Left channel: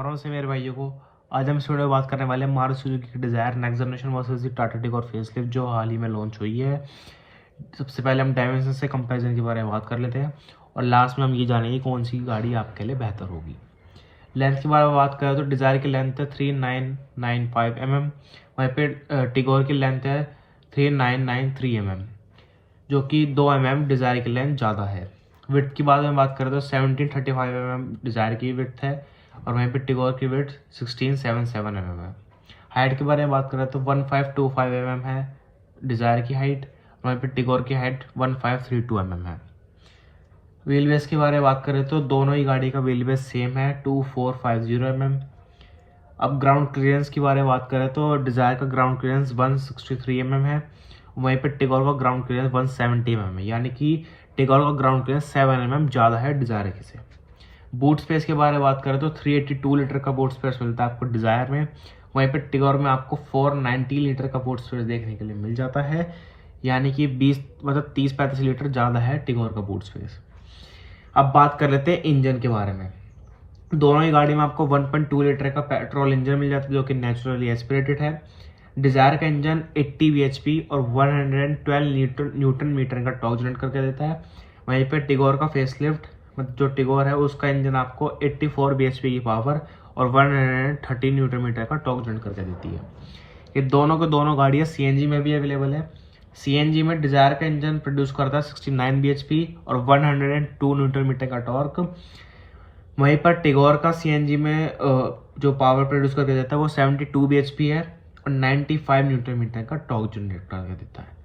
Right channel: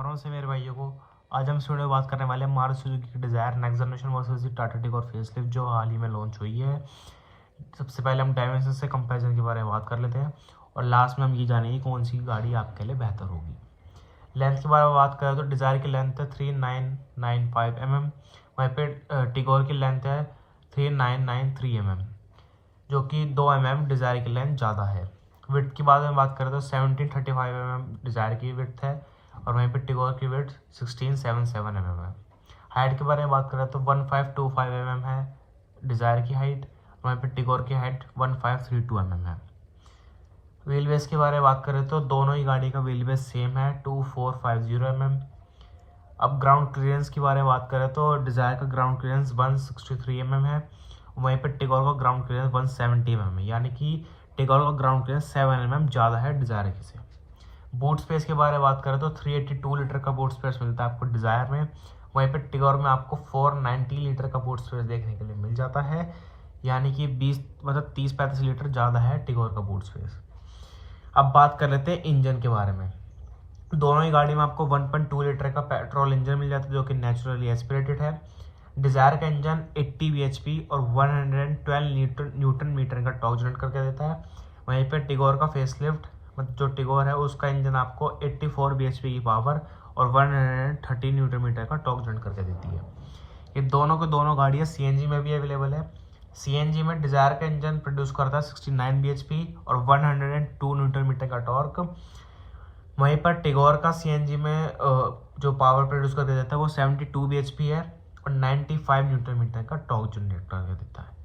से मेरे भाइयों को आज हम इस वीडियो में बात करने वाले हैं मारुति सुजुकी की डिज़ायर नेक्स्ट जनरेशन वर्सेस दी टाटा टिगोर फेसलिफ्ट जो हाल ही में लॉन्च हुई है। सबसे पहले हम डायमेंशन से कंपैरिजन के बारे में बात कर लेते हैं और लास्ट में हम ये जानेंगे कौन सी गाड़ी आपके लिए बेहतर होगी। लेंथ के बारे में बात करें तो डिज़ायर की लेंथ है 3995 mm, वहीं पे टिगोर की लेंथ है 3993 mm, जो कि 2 mm डिज़ायर की लेंथ ज़्यादा है। विड्थ की बात करें तो 1735 mm डिज़ायर की विड्थ है और वहीं पे टिगोर की विड्थ 1677 mm है। हाइट के बारे में बात करें तो 1525 mm है डिज़ायर की हाइट, वहीं पे टिगोर की हाइट 1532 mm है। व्हील बेस के बारे में बात करें तो दोनों ही गाड़ी का व्हील बेस सेम है 2450 mm। अब ग्राउंड क्लियरेंस की बारे में बात करें तो डिज़ायर का ग्राउंड क्लियरेंस 163 mm है, वहीं पे टिगोर का ग्राउंड क्लियरेंस 170 mm है, यानी कि टिगोर का ग्राउंड क्लियरेंस 7 mm ज़्यादा है डिज़ायर के से। बूट स्पेस के बारे में बात करें तो 382 लीटर का बूट स्पेस मिलता है आपको डिज़ायर में, वहीं पे टिगोर में आपको 490 लीटर का बूट स्पेस देखने के लिए मिल जाता है, यानी कि 30-35 लीटर ज़्यादा है टिगोर का बूट स्पेस। अब बात कर लेते हैं इंजन के बारे में। दोनों ही गाड़ी में आपको 1.2 लीटर का पेट्रोल इंजन मिल जाता है जो कि नेचुरली एस्पिरेटेड है। डिज़ायर का इंजन 80 bhp और 112 न्यूटन मीटर का टॉर्क जनरेट करके देता है, वहीं पे टिगोर का फेसलिफ्ट जो टिगोर है उसका इंजन आपको 84 bhp की पावर और 130 न्यूटन मीटर का टॉर्क जनरेट करके देती है। ये दोनों के दोनों गाड़ियाँ सीएनजी में भी अवेलेबल है। सीएनजी में डिज़ायर का इंजन प्रोड्यूस करता है 69 bhp और 102 न्यूटन मीटर का टॉर्क, वहीं पर टिगोर का सीएनजी में जो पावर प्रोड्यूस करके देता है वो 72 bhp है और 95 न्यूटन मीटर का टॉर्क जनरेट करके देता है,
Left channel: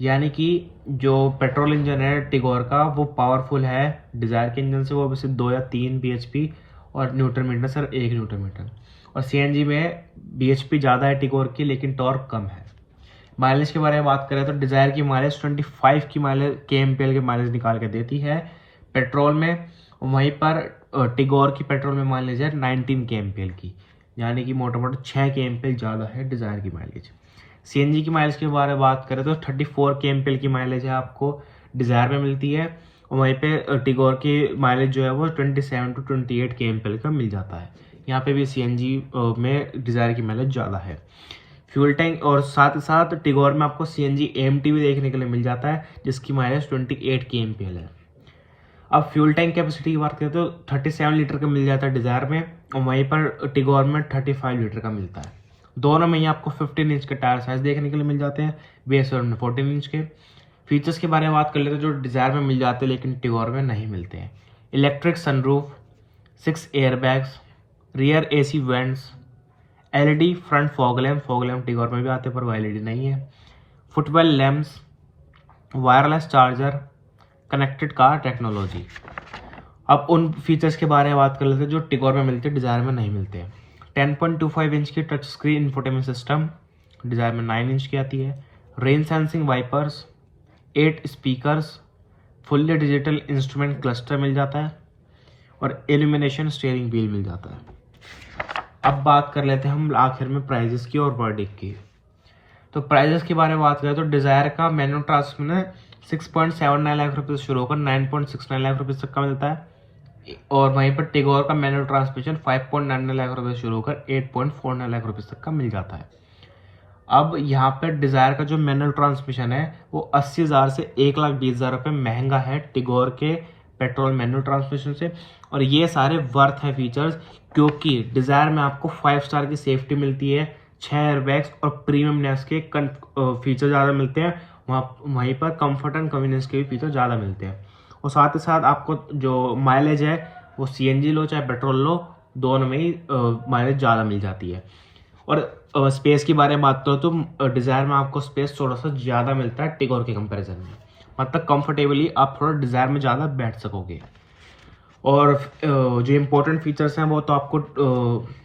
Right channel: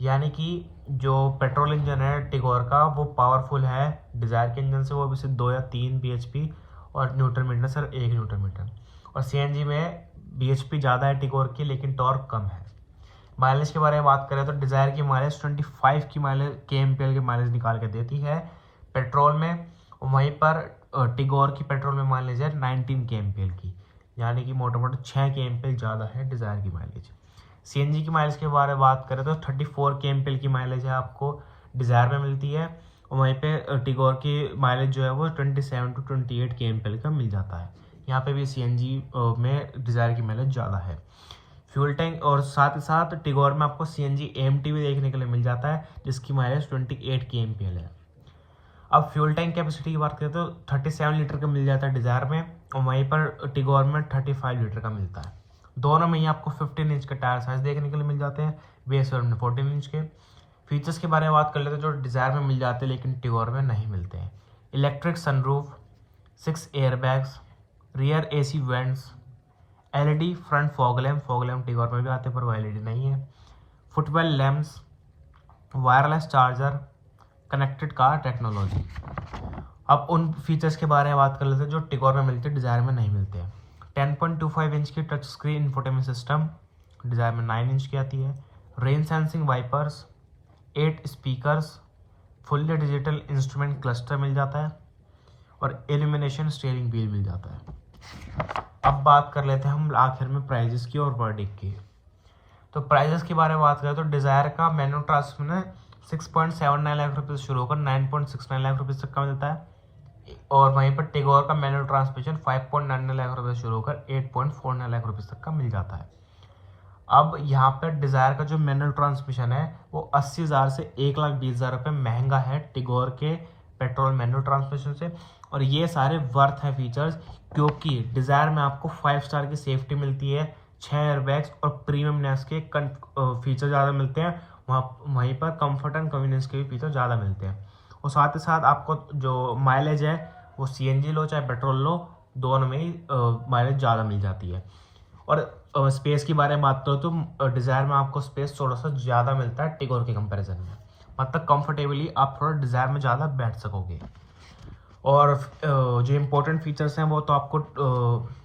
यानी कि जो पेट्रोल इंजन है टिगोर का वो पावरफुल है डिज़ायर के इंजन से, वो वैसे 2 या 3 bhp और न्यूटन मीटर सिर्फ 1 न्यूटन मीटर, और सीएनजी में bhp ज़्यादा है टिगोर की लेकिन टॉर्क कम है। माइलेज के बारे में बात करें तो डिज़ायर की माइलेज 25 की माइलेज kmpl के माइलेज निकाल के देती है पेट्रोल में, वहीं पर टिगोर की पेट्रोल में माइलेज है 19 kmpl की, यानी कि मोटा मोटा 6 kmpl ज़्यादा है डिज़ायर की माइलेज। सीएनजी की माइलेज के बारे में बात करें तो 34 kmpl की माइलेज है आपको डिज़ायर में मिलती है, और वहीं पे टिगोर की माइलेज जो है वो 27 से 28 kmpl का मिल जाता है। यहाँ पे भी सीएनजी में डिज़ायर की माइलेज ज़्यादा है। फ्यूल टैंक और साथ ही साथ टिगोर में आपको सीएनजी एएमटी भी देखने के लिए मिल जाता है जिसकी माइलेज 28 kmpl है। अब फ्यूल टैंक कैपेसिटी की बात करें तो 37 लीटर का मिल जाता है डिज़ायर में, और वहीं पर टिगोर में 35 लीटर का मिलता है। दोनों में ही आपको 15 इंच के टायर साइज देखने के लिए मिल जाते हैं, बेस वेरिएंट में 14 इंच के। फीचर्स के बारे में बात कर लेते हैं जो डिज़ायर में मिल जाते हैं लेकिन टिगोर में नहीं मिलते हैं। Electric sunroof, 6 airbags, rear AC vents, LED front fog lamp Tigor में भी आते हैं पर वो एलईडी नहीं है, footwell lamps, wireless charger, connected car technology. अब उन फीचर्स के बारे में बात कर लेते हैं जो टिगोर में मिलते हैं डिज़ायर में नहीं मिलते हैं। 10.25 इंच की touch screen infotainment system, Dzire में 9 इंच की आती है। Rain sensing wipers, 8 speakers, fully digital instrument cluster मिल जाता है और इल्यूमिनेशन स्टीयरिंग व्हील मिल जाता है। अब बात कर लेते हैं हम आखिर में प्राइजेस की और वर्डिक्ट की। तो प्राइजेस के बारे में बात करें तो डिज़ायर का मैनुअल ट्रांसमिशन 6.79 लाख रुपये से शुरू होकर 9.69 लाख रुपये तक का मिलता है, और वहीं पर टिगोर का मैनुअल ट्रांसमिशन 5.99 लाख रुपये से शुरू होकर 8.49 लाख रुपये तक का मिल जाता है। अब यहाँ पर डिज़ायर का जो मैनुअल ट्रांसमिशन है वो 80,000 से 1,20,000 रुपये महंगा है टिगोर के पेट्रोल मैनुअल ट्रांसमिशन से, और ये सारे वर्थ है फीचर्स क्योंकि डिज़ायर में आपको 5 स्टार की सेफ्टी मिलती है, 6 एयरबैग्स और प्रीमियमनेस के फीचर ज़्यादा मिलते हैं, वहीं पर कंफर्ट एंड कन्वीनियंस के भी फीचर ज़्यादा मिलते हैं, और साथ ही साथ आपको जो माइलेज है वो सीएनजी लो चाहे पेट्रोल लो दोनों में ही माइलेज ज़्यादा मिल जाती है। और स्पेस की बारे में बात करो तो डिज़ायर में आपको स्पेस थोड़ा सा ज़्यादा मिलता है टिगोर के कंपैरिजन में, मतलब कंफर्टेबली आप थोड़ा डिज़ायर में ज़्यादा बैठ सकोगे। और जो इम्पोर्टेंट फीचर्स हैं वो तो आपको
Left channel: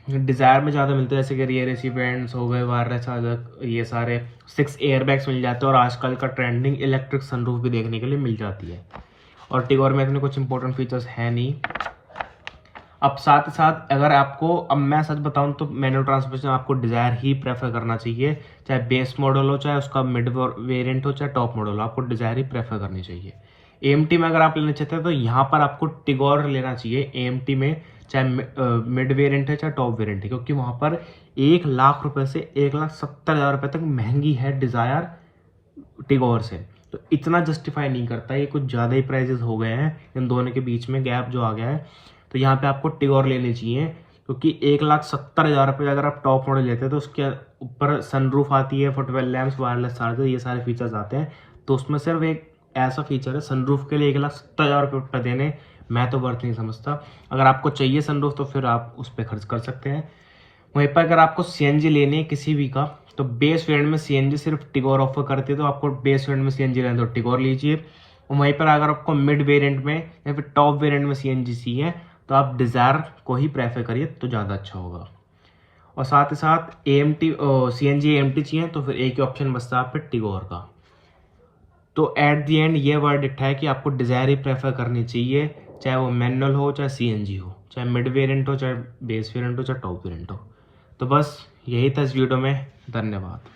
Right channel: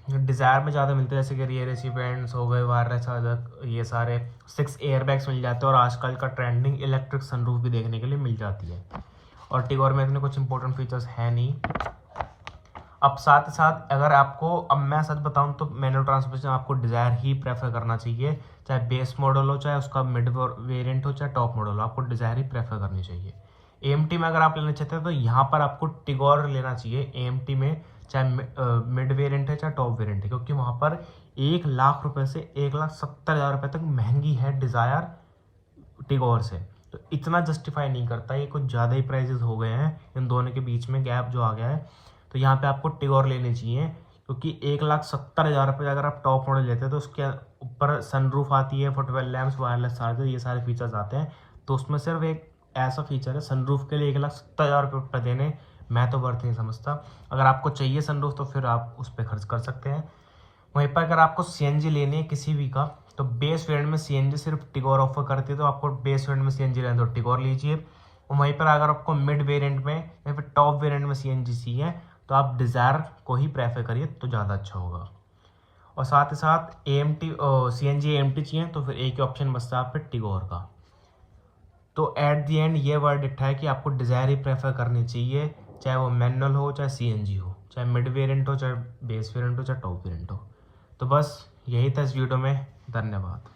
डिज़ायर में ज़्यादा मिलते हैं, जैसे कि रियर एसी वेंट्स हो गए, वायरलेस चार्जर, ये सारे 6 एयरबैग्स मिल जाते हैं, और आजकल का ट्रेंडिंग इलेक्ट्रिक सनरूफ भी देखने के लिए मिल जाती है। और टिगोर में इतने कुछ इंपॉर्टेंट फीचर्स है नहीं। अब साथ ही साथ अगर आपको, अब मैं सच बताऊं तो मैनुअल ट्रांसमिशन आपको डिज़ायर ही प्रेफर करना चाहिए, चाहे बेस मॉडल हो, चाहे उसका मिड वेरिएंट हो, चाहे टॉप मॉडल हो, आपको डिज़ायर ही प्रेफर करनी चाहिए। एएमटी में अगर आप लेना चाहते हैं तो यहाँ पर आपको टिगोर लेना चाहिए एएमटी में, चाहे मिड वेरिएंट है चाहे टॉप वेरिएंट है, क्योंकि वहाँ पर 1 लाख रुपए से 1,70,000 रुपये तक महंगी है डिज़ायर टिगोर से। तो इतना जस्टिफाई नहीं करता, ये कुछ ज़्यादा ही प्राइजेस हो गए हैं, इन दोनों के बीच में गैप जो आ गया है। तो यहाँ पे आपको टिगोर लेनी चाहिए, क्योंकि 1,70,000 रुपये अगर आप टॉप मॉडल लेते हैं तो उसके ऊपर सनरूफ आती है, फुटवेल लैम्प्स, वायरलेस चार्जर, ये सारे फीचर्स आते हैं। तो उसमें सिर्फ एक ऐसा फीचर है सनरूफ के लिए 1,70,000 रुपये देने, मैं तो वर्थ नहीं समझता। अगर आपको चाहिए सनरूफ तो फिर आप उस पर खर्च कर सकते हैं। वहीं पर अगर आपको सीएनजी लेनी है किसी भी का, तो बेस वेरिएंट में सीएनजी सिर्फ टिगोर ऑफर करती है, तो आपको बेस वेरिएंट में सीएनजी लेना है तो टिगोर लीजिए। और वहीं पर अगर आपको मिड वेरिएंट में या फिर टॉप वेरिएंट में सीएनजी चाहिए तो आप डिज़ायर को ही प्रेफर करिए, तो ज़्यादा अच्छा होगा। और साथ ही साथ एएमटी सीएनजी एएमटी चाहिए तो फिर एक ही ऑप्शन बचता है आप पे टिगोर का। तो एट दी एंड ये वर्डिक्ट है कि आपको डिज़ायर ही प्रेफर करनी चाहिए, चाहे वो मैनुअल हो चाहे सीएनजी हो, चाहे मिड वेरिएंट हो चाहे बेस वेरिएंट हो चाहे टॉप वेरिएंट हो। तो बस यही था इस वीडियो में, धन्यवाद।